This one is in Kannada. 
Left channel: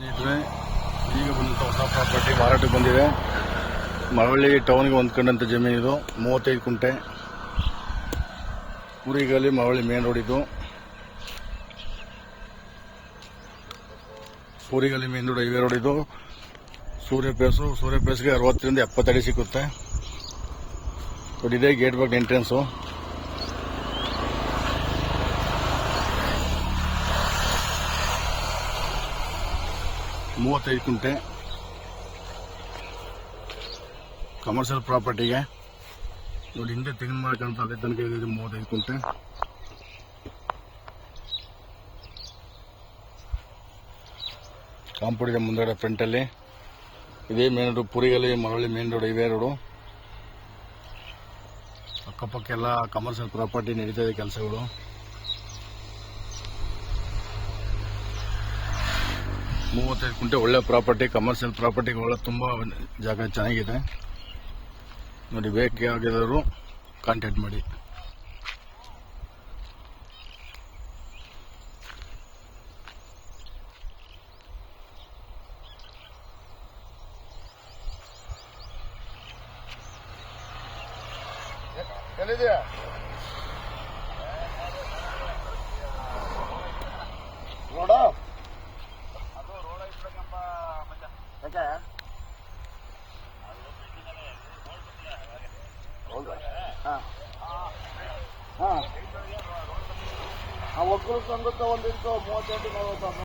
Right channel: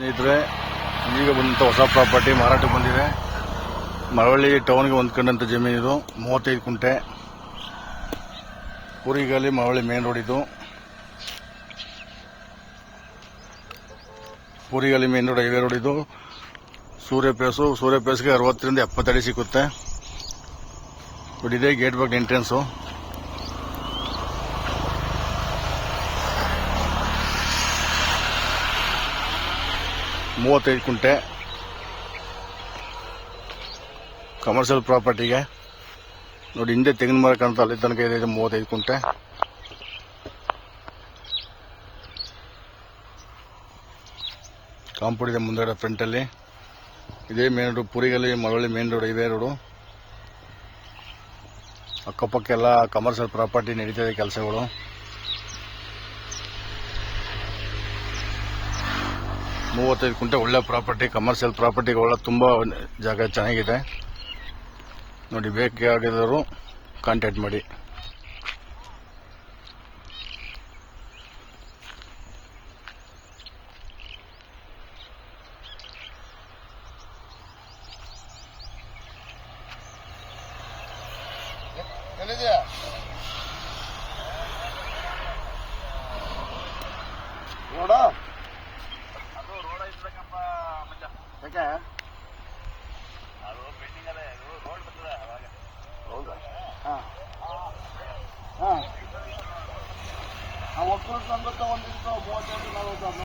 ಸ್ನೇಹಿತರೆ, ಈಗ ಬಂದಂಥ ಹೊಸ ಪ್ರಾಪರ್ಟಿ ಮಾರಾಟಕ್ಕೆ ಬಂದಿದೆ. ಮಳವಳ್ಳಿ ಟೌನ್ಗೆ ಹೊಂದ್ಕೊಂಡಂಥ ಜಮೀನು ಇದು. 35 ಕುಂಟೆ, ಪೂರಿಗಲ್ಲಿ ಮಳವಳ್ಳಿ ಮೇನ್ ರೋಡ್ ಇದು. ಪೂರಿಗಲ್ಲಿ ಮೇನ್ ರೋಡ್, ಹೈವೇ ರೋಡ್ ಇದು. ಸೂರ್ಯ ಪೇಸ್ಗೆ 60ರಿಂದ 70 ಅಡಿ ಸಿಕ್ಕುತ್ತೆ. ಇದೇ ಗೇಟ್ ಬಾಗ್ ಎಂಟ್ರೆನ್ಸು. ಮೂವತ್ತೈದು ಕುಂಟೆ ಕಮರ್ಷಿಯಲ್ ಪ್ರಾಪರ್ಟಿಗೆ ನೋಡಿ. ಹಿಂದೆ ತೆಂಗಿನ ಮರ ಕಾಣ್ತಾ, ಅಲ್ಲಿ ತನಕ ಇದೆ. 35 ಕುಂಟೆ. ಕಾಂಪೌಂಡ್ ಇದೆ ಮುಂದೆಗಡೆ ಫ್ರಂಟಲ್ಲಿ. ಇದೇ ಮೇನ್ ರೋಡ್, ಪುರಿಗಲ್ಲಿ Malavalli main road, highway road. ಅಕ್ಕಪಕ್ಕ ಎಲ್ಲ ಕಮರ್ಷಿಯಲ್ ಪ್ರಾಪರ್ಟಿ ನಡೀತಾ ಇದೆ ಕೆಲಸಗಳು. ಮೂವತ್ತೈದು ಕುಂಟೆ ಒಳ್ಳೆ ಪ್ರಾಪರ್ಟಿ, ಕಮರ್ಷಿಯಲ್ ಪ್ರಾಪರ್ಟಿಗೆ ಒಳ್ಳೆ ತುಂಬ ಜಾಗ ಚೆನ್ನಾಗಿದೆ ನೋಡಿ. ಬೇಕಾಗಿರೋರು ಕಾಂಟ್ಯಾಕ್ಟ್ ಮಾಡಿ. ಎಲ್ಲಿದೆಯಾ ನೋಡ ಒಕ್ಕಲು ಸಂಘ ಒಂದಿತ್ತು 38-40